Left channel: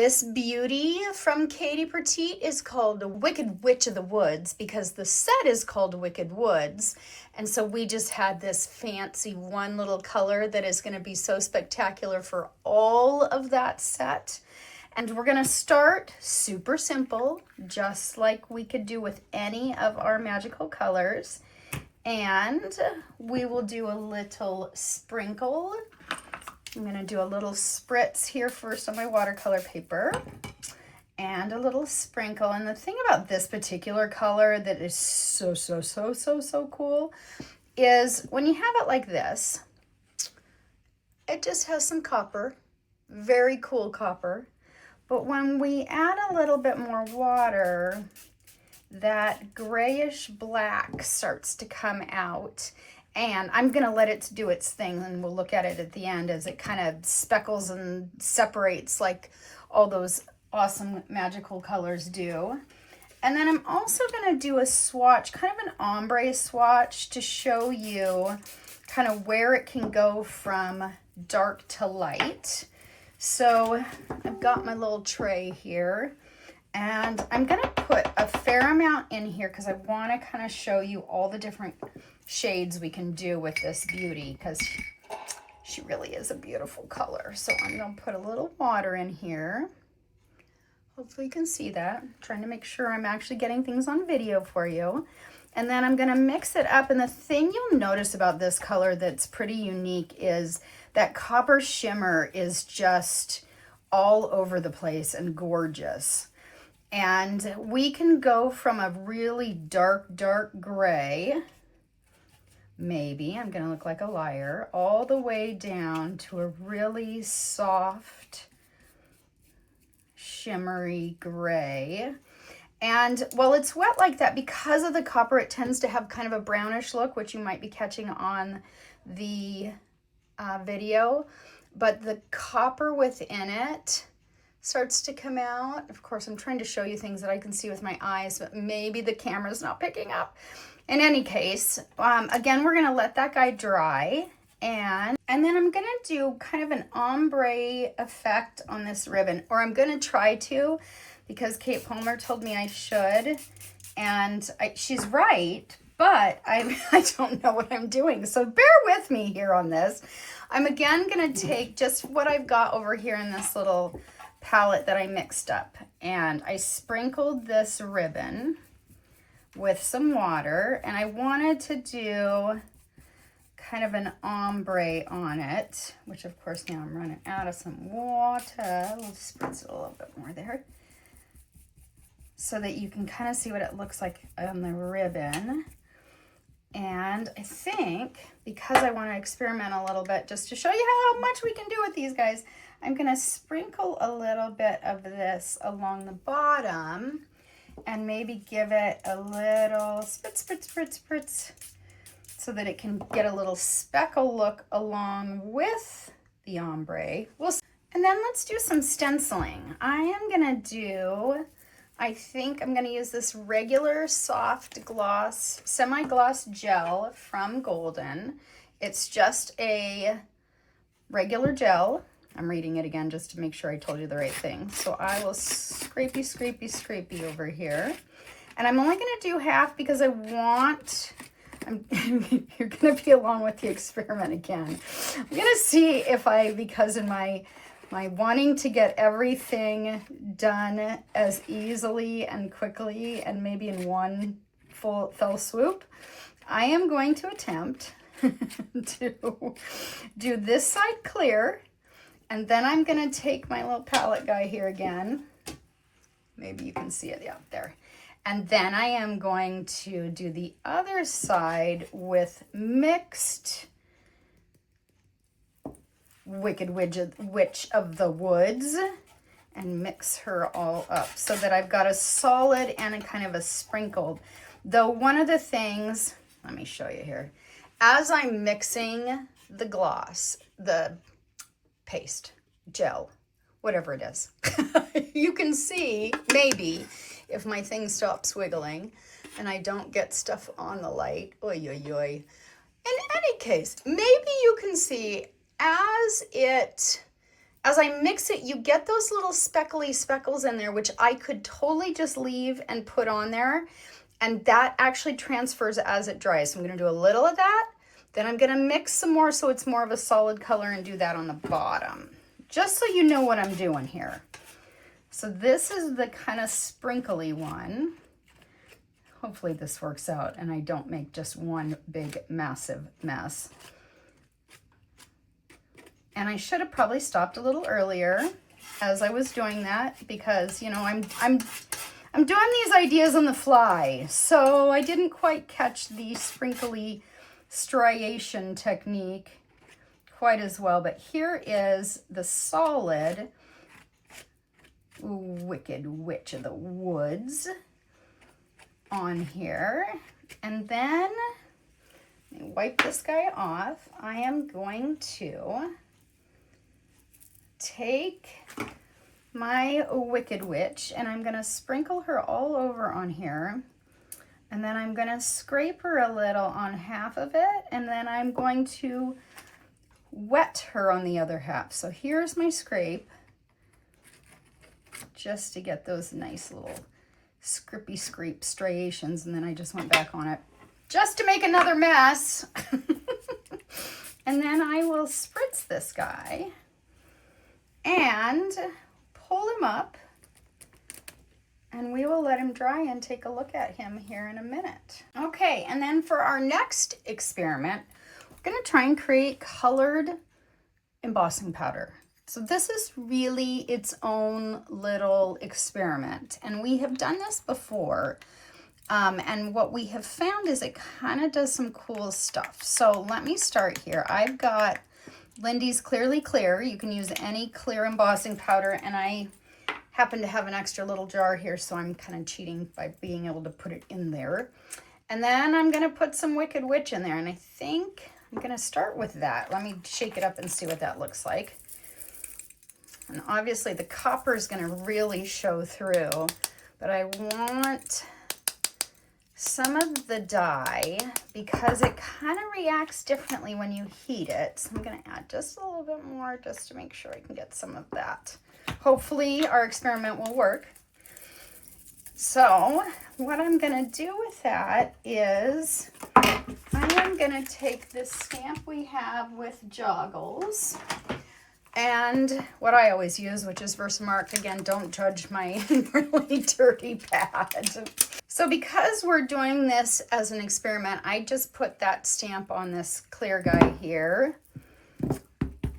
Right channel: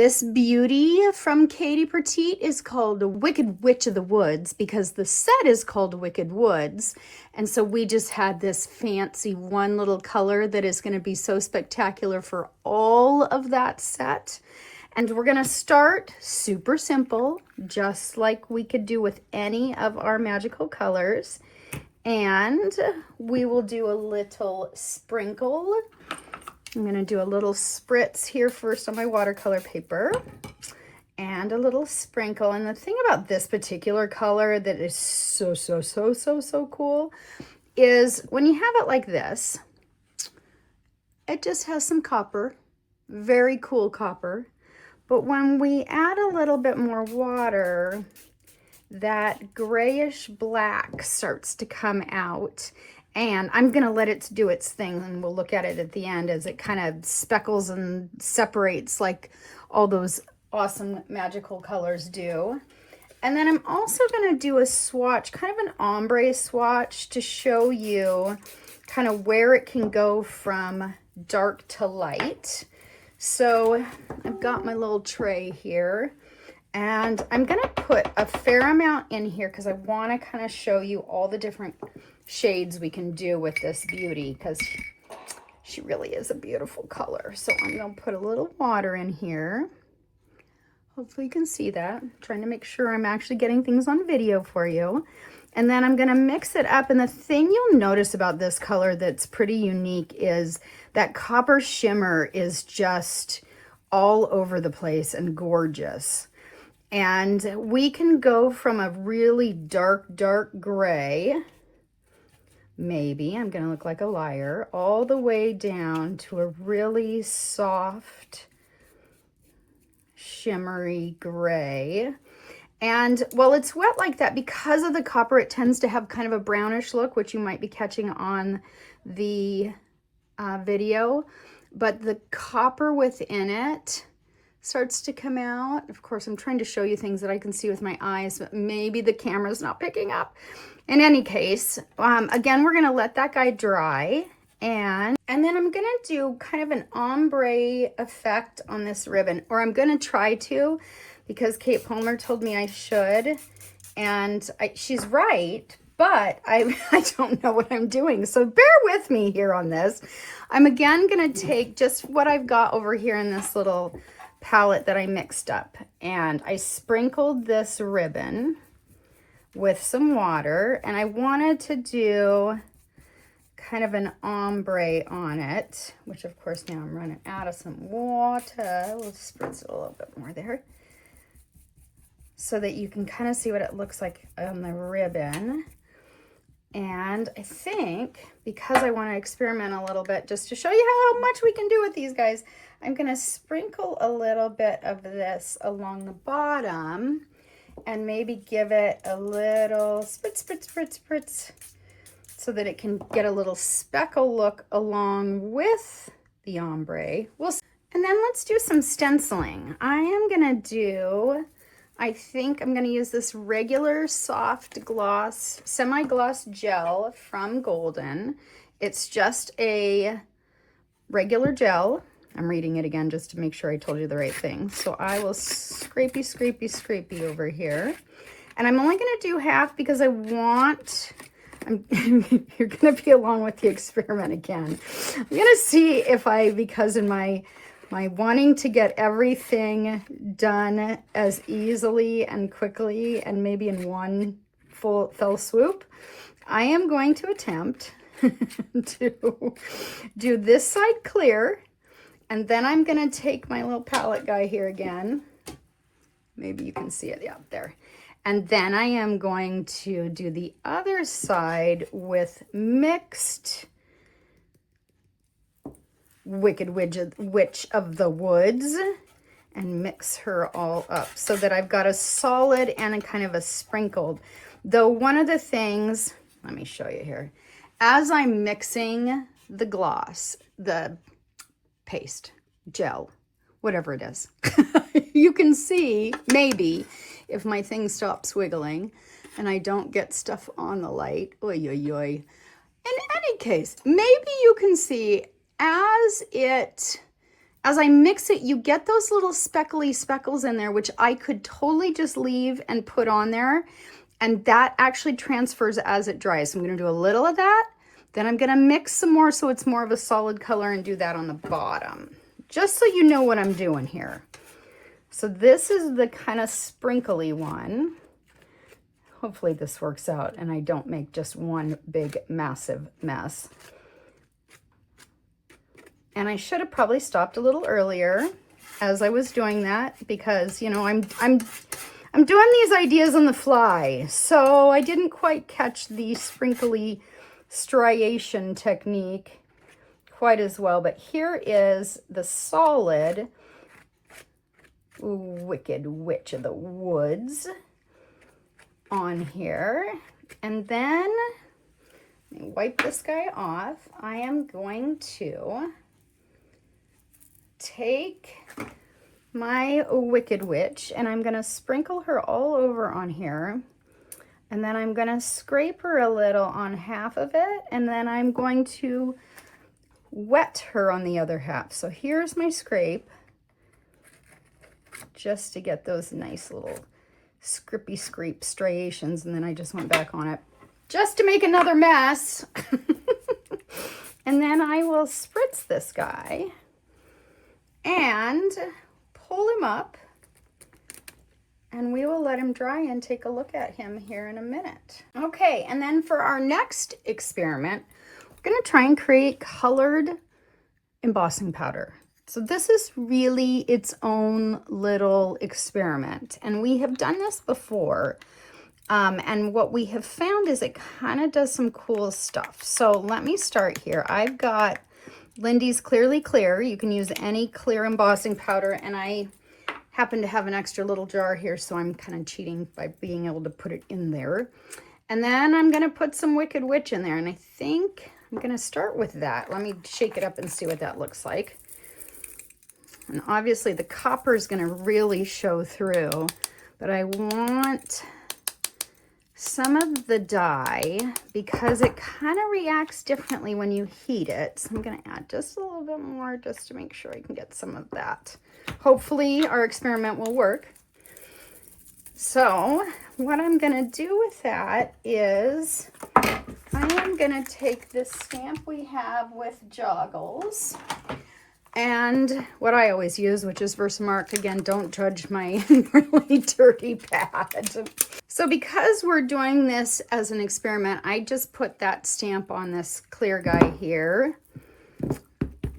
This beauty from Katie Pertiet is called the Wicked Witch of the Woods because the set is called Wicked Woods. And so we just had this fancy one little color that is going to be so spectacular for all of that set. And we're going to start super simple, just like we could do with any of our magical colors. And we will do a little sprinkle. I'm going to do a little spritz here first on my watercolor paper and a little sprinkle. And the thing about this particular color that is so cool is when you have it like this, it just has some copper, very cool copper. But when we add a little bit more water, that grayish black starts to come out. And I'm going to let it do its thing, and we'll look at it at the end as it kind of speckles and separates like all those awesome magical colors do. And then I'm also going to do a swatch, kind of an ombre swatch, to show you kind of where it can go from dark to light. So I've got my little tray here, and I'm going to put a fair amount in here because I want to kind of show you all the different shades we can do with this beauty because she really is a beautiful color. So I'm going to put a little water in here. Hopefully you can see that. I'm trying to make sure I'm actually getting things on video for you. And then I'm going to mix it up. And the thing you'll notice about this color that's pretty unique is that copper shimmer is just all over the place and gorgeous. And we can go from a really dark gray, maybe, I'm gonna look like a liar, all the way down to a really soft, shimmery gray. And while it's wet like that, because of the copper, it tends to have kind of a brownish look, which you might be catching on the video. But the copper within it starts to come out. Of course, I'm trying to show you things that I can see with my eyes, but maybe the camera's not picking up. In any case, again, we're gonna let that guy dry, and then I'm gonna do kind of an ombre effect on this ribbon, or I'm gonna try to, because Kate Palmer told me I should, and she's right, but I don't know what I'm doing, so bear with me here on this. I'm again gonna take just what I've got over here in this little palette that I mixed up, and I sprinkled this ribbon with some water, and I wanted to do kind of an ombre on it, which of course now I'm running out of some water. We'll spritz it a little bit more there so that you can kind of see what it looks like on the ribbon. And I think because I want to experiment a little bit just to show you how much we can do with these guys, I'm going to sprinkle a little bit of this along the bottom and maybe give it a little spritz so that it can get a little speckle look along with the ombre. And then let's do some stenciling. I think I'm gonna use this regular soft gloss, semi-gloss gel from Golden. It's just a regular gel. I'm reading it again just to make sure I told you the right thing. So I will scrapey over here. And I'm only gonna do half because you're gonna be along with the experiment again. I'm gonna see if because in my wanting to get everything done as easily and quickly and maybe in one fell swoop, I am going to attempt to do this side clear. And then I'm gonna take my little palette guy here again. Maybe you can see it, yeah, there. And then I am going to do the other side with mixed Wicked Witch of the Woods and mix her all up so that I've got a solid and a kind of a sprinkled. Though one of the things, let me show you here, as I'm mixing the gloss, the paste, gel, whatever it is, you can see maybe if my thing stops wiggling and I don't get stuff on the light. Oy, oy, oy. In any case, maybe you can see as it As I mix it, you get those little speckly speckles in there, which I could totally just leave and put on there. And that actually transfers as it dries. So I'm gonna do a little of that. Then I'm gonna mix some more so it's more of a solid color and do that on the bottom. Just so you know what I'm doing here. So this is the kind of sprinkly one. Hopefully this works out and I don't make just one big massive mess. And I should have probably stopped a little earlier as I was doing that because, you know, I'm doing these ideas on the fly. So I didn't quite catch the sprinkly striation technique quite as well. But here is the solid Wicked Witch of the Woods on here. And then wipe this guy off. I am going to take my Wicked Witch and I'm going to sprinkle her all over on here. And then I'm going to scrape her a little on half of it. And then I'm going to wet her on the other half. So here's my scrape, just to get those nice little scrippy scrape striations. And then I just went back on it just to make another mess. And then I will spritz this guy and pull him up, and we will let him dry and take a look at him here in a minute. Okay, and then for our next experiment, we're gonna try and create colored embossing powder. So this is really its own little experiment, and we have done this before. And what we have found is it kind of does some cool stuff. So let me start here. I've got Lindy's Clearly Clear. You can use any clear embossing powder, and I happen to have an extra little jar here, so I'm kind of cheating by being able to put it in there. And then I'm going to put some Wicked Witch in there, and I think I'm going to start with that. Let me shake it up and see what that looks like. And obviously the copper is going to really show through, but I want some of the dye because it kind of reacts differently when you heat it. So I'm going to add just a little bit more just to make sure I can get some of that. Hopefully our experiment will work. So what I'm going to do with that is I am going to take this stamp we have with joggles and what I always use, which is Versamark. Again, don't judge my really dirty pad. So because we're doing this as an experiment, I just put that stamp on this clear guy here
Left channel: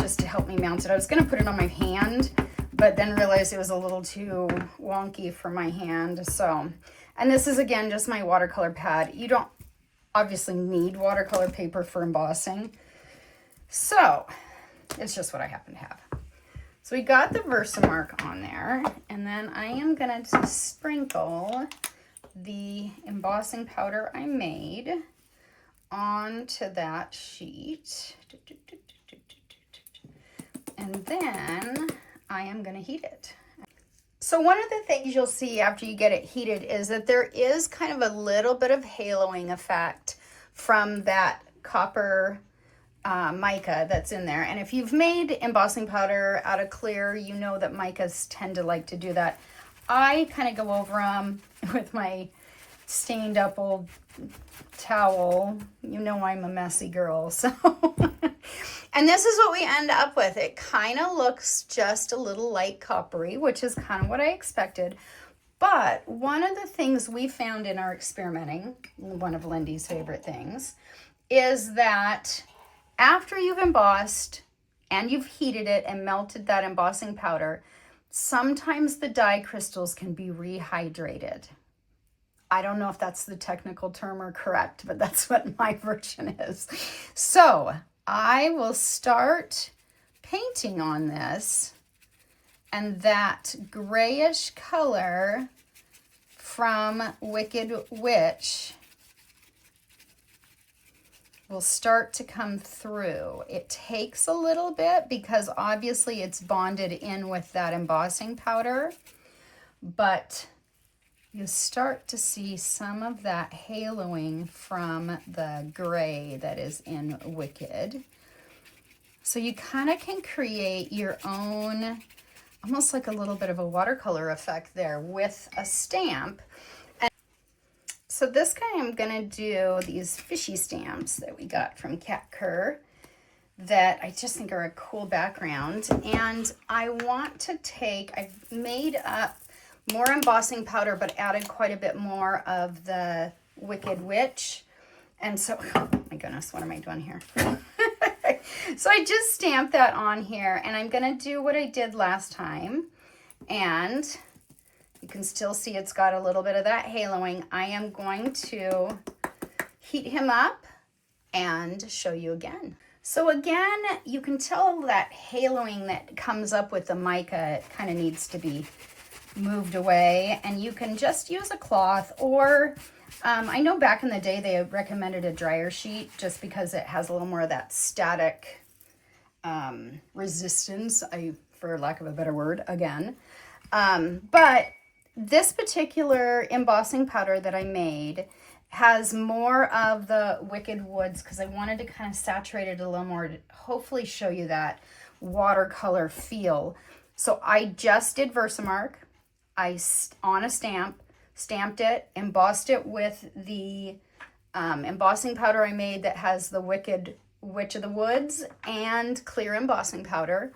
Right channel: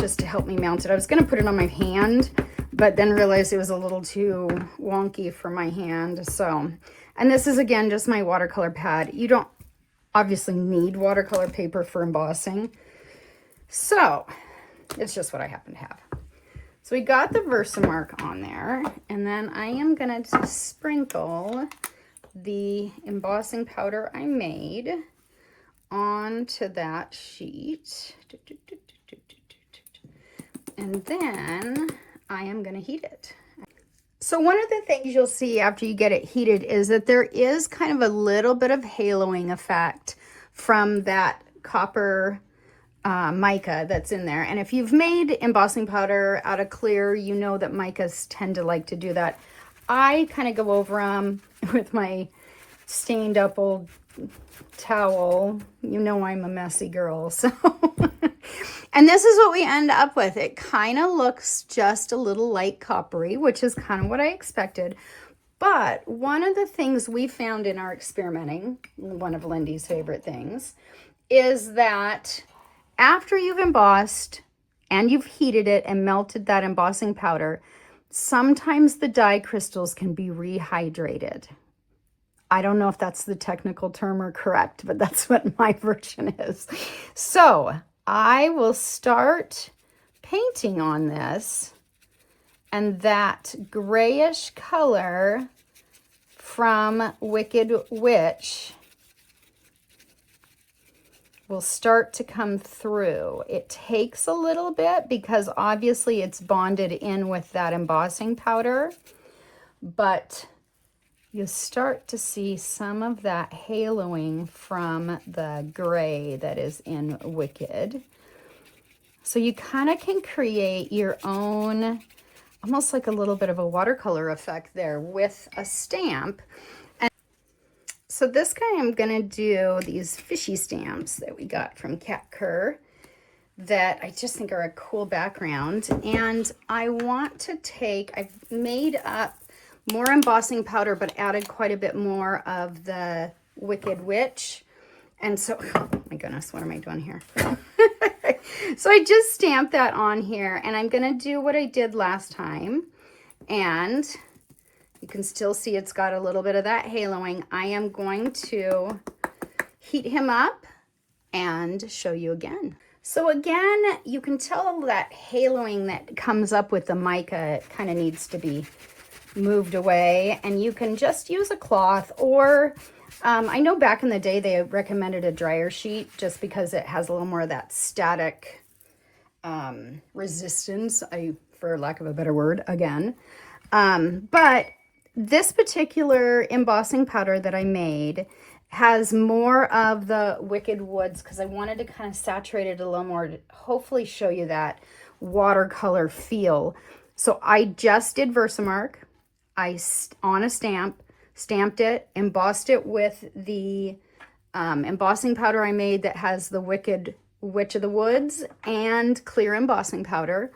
just to help me mount it. I was going to put it on my hand, but then realized it was a little too wonky for my hand. So, and this is again just my watercolor pad. You don't obviously need watercolor paper for embossing. So it's just what I happen to have. So we got the Versamark on there, and then I am going to sprinkle the embossing powder I made onto that sheet. And then I am going to heat it. So one of the things you'll see after you get it heated is that there is kind of a little bit of haloing effect from that copper mica that's in there. And if you've made embossing powder out of clear, you know that micas tend to like to do that. I kind of go over them with my stained up old towel. You know I'm a messy girl, so. And this is what we end up with. It kind of looks just a little light coppery, which is kind of what I expected. But one of the things we found in our experimenting, one of Lindy's favorite things, is that after you've embossed and you've heated it and melted that embossing powder, sometimes the dye crystals can be rehydrated. I don't know if that's the technical term or correct, but that's what my version is. So I will start painting on this, and that grayish color from Wicked Witch will start to come through. It takes a little bit because obviously it's bonded in with that embossing powder, but you'll start to see some of that haloing from the gray that is in Wicked. So you kind of can create your own, almost like a little bit of a watercolor effect there with a stamp. And so this guy, I'm gonna do these fishy stamps that we got from Cat Kerr that I just think are a cool background. And I want to take, I've made up more embossing powder, but added quite a bit more of the Wicked Witch. And so, oh my goodness, what am I doing here? So I just stamped that on here, and I'm gonna do what I did last time. And you can still see it's got a little bit of that haloing. I am going to heat him up and show you again. So again, you can tell that haloing that comes up with the mica kind of needs to be moved away, and you can just use a cloth, or I know back in the day they recommended a dryer sheet just because it has a little more of that static resistance, for lack of a better word again. But this particular embossing powder that I made has more of the Wicked Woods because I wanted to kind of saturate it a little more to hopefully show you that watercolor feel. So I just did Versamark. On a stamp, stamped it, embossed it with the embossing powder I made that has the Wicked Witch of the Woods and clear embossing powder.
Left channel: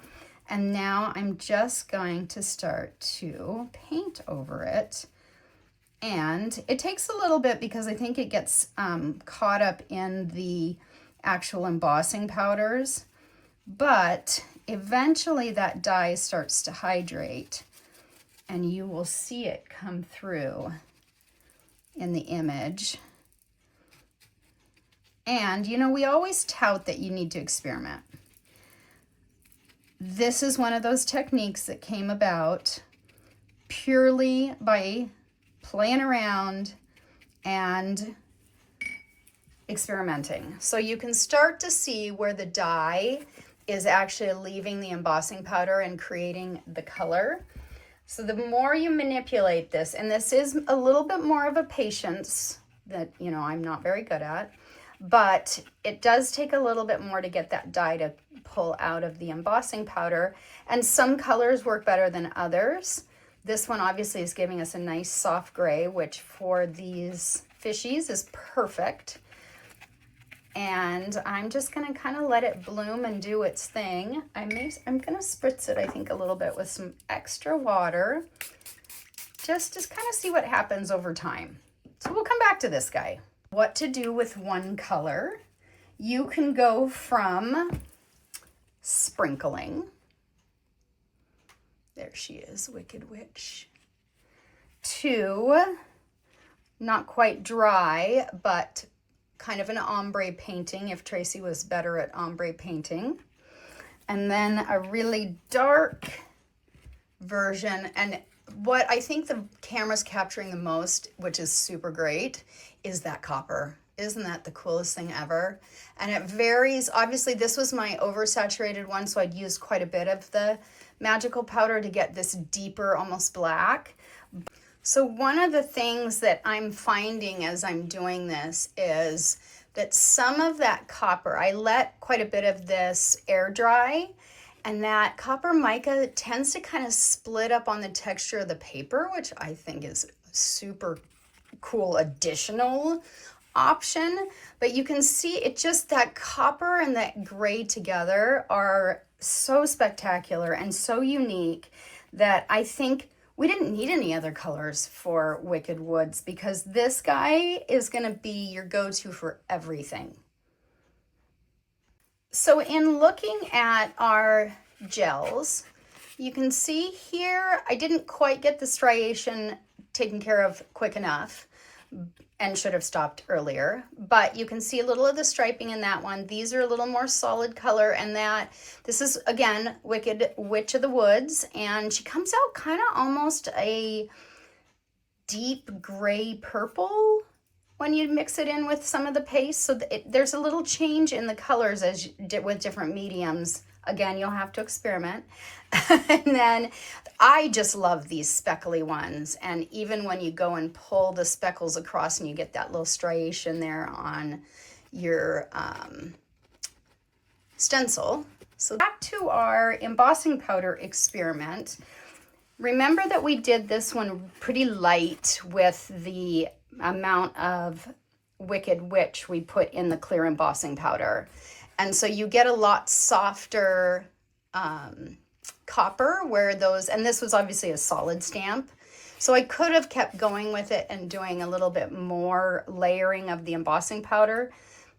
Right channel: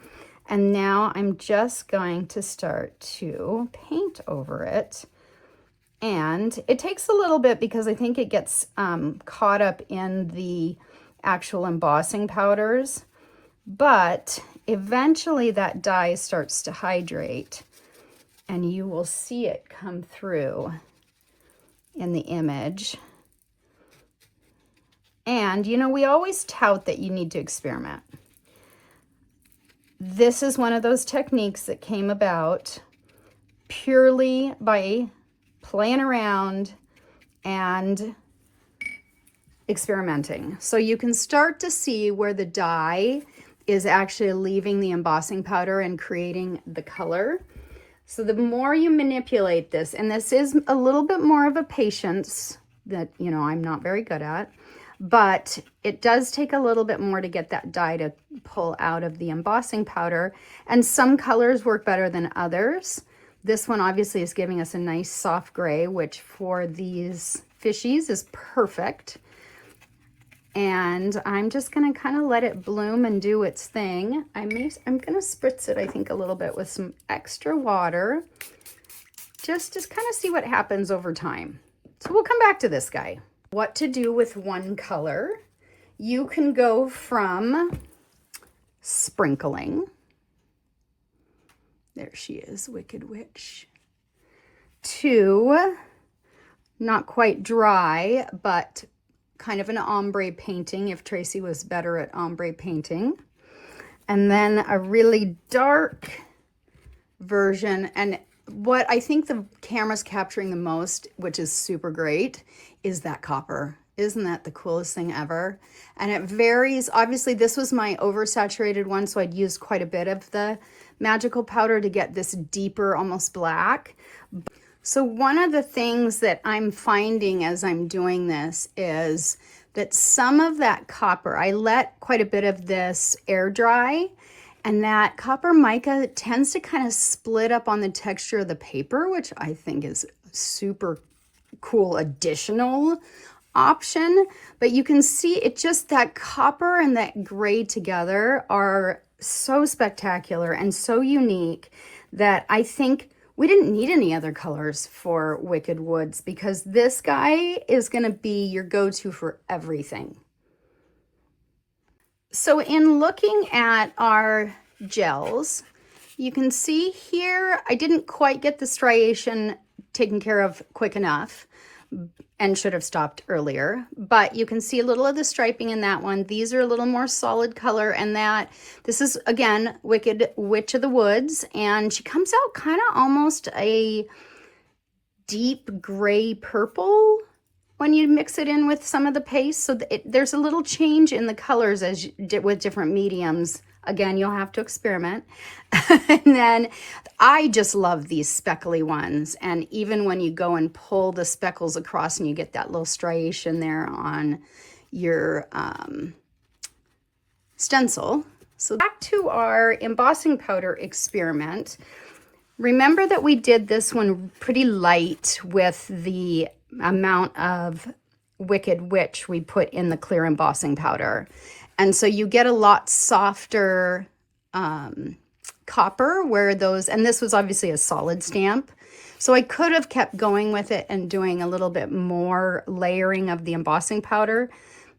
And now I'm just going to start to paint over it. And it takes a little bit because I think it gets caught up in the actual embossing powders, but eventually that dye starts to hydrate and you will see it come through in the image. And you know, we always tout that you need to experiment. This is one of those techniques that came about purely by playing around and experimenting. So you can start to see where the dye is actually leaving the embossing powder and creating the color. So the more you manipulate this, and this is a little bit more of a patience that, you know, I'm not very good at, but it does take a little bit more to get that dye to pull out of the embossing powder. And some colors work better than others. This one obviously is giving us a nice soft gray, which for these fishies is perfect. And I'm just gonna kind of let it bloom and do its thing. I'm gonna spritz it, I think, a little bit with some extra water, just to kind of see what happens over time. So we'll come back to this guy. What to do with one color. You can go from sprinkling. There she is, Wicked Witch. To not quite dry, but kind of an ombre painting, if Tracey was better at ombre painting. And then a really dark version. And what I think the camera's capturing the most, which is super great, is that copper. Isn't that the coolest thing ever? And it varies. Obviously, this was my oversaturated one, so I'd used quite a bit of the magical powder to get this deeper, almost black. So one of the things that I'm finding as I'm doing this is that some of that copper, I let quite a bit of this air dry, and that copper mica tends to kind of split up on the texture of the paper, which I think is super cool additional option. But you can see it just, that copper and that gray together are so spectacular and so unique that I think we didn't need any other colors for Wicked Woods, because this guy is going to be your go-to for everything. So in looking at our gels, you can see here I didn't quite get the striation taken care of quick enough and should have stopped earlier, but you can see a little of the striping in that one. These are a little more solid color, and that this is again Wicked Witch of the Woods, and she comes out kind of almost a deep gray purple when you mix it in with some of the paste. So there's a little change in the colors as with different mediums. Again, you'll have to experiment. And then I just love these speckly ones. And even when you go and pull the speckles across and you get that little striation there on your stencil, So back to our embossing powder experiment. Remember that we did this one pretty light with the amount of Wicked Witch we put in the clear embossing powder. And so you get a lot softer copper where those, and this was obviously a solid stamp. So I could have kept going with it and doing a little bit more layering of the embossing powder,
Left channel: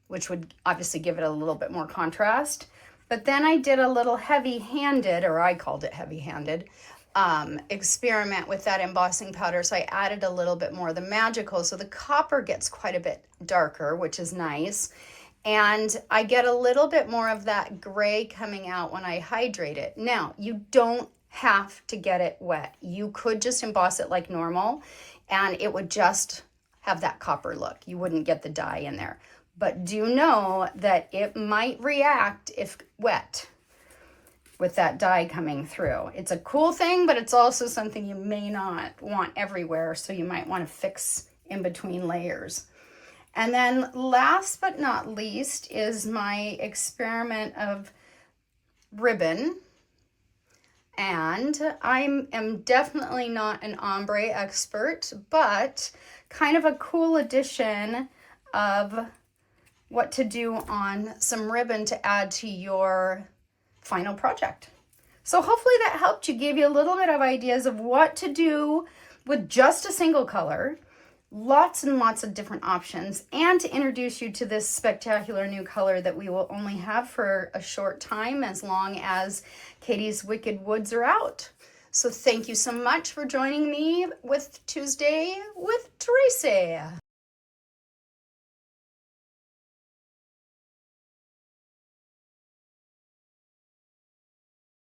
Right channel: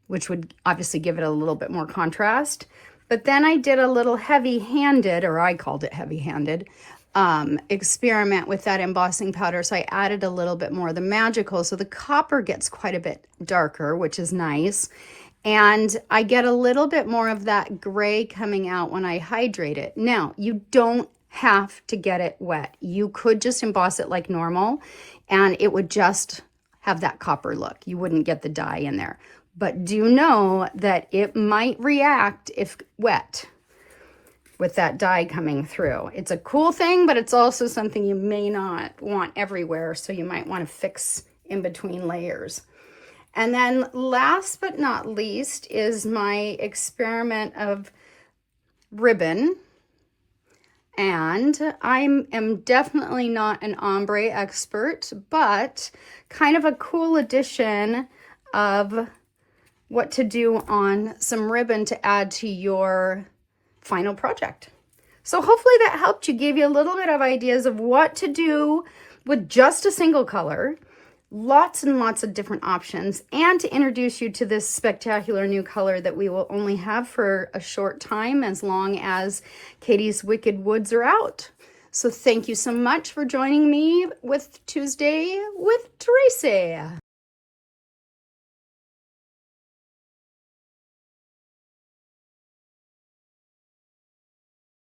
which would obviously give it a little bit more contrast. But then I did a little heavy-handed, or I called it heavy-handed, experiment with that embossing powder. So I added a little bit more of the magical. So the copper gets quite a bit darker, which is nice. And I get a little bit more of that gray coming out when I hydrate it. Now, you don't have to get it wet. You could just emboss it like normal and it would just have that copper look. You wouldn't get the dye in there. But do know that it might react if wet with that dye coming through. It's a cool thing, but it's also something you may not want everywhere, so you might want to fix in between layers. And then last but not least is my experiment of ribbon. And I am definitely not an ombre expert, but kind of a cool addition of what to do on some ribbon to add to your final project. So hopefully that helped you, gave you a little bit of ideas of what to do with just a single color, lots and lots of different options, and to introduce you to this spectacular new color that we will only have for a short time as long as Katie's Wicked Woods are out. So thank you so much for joining me with Tuesday with Tracey.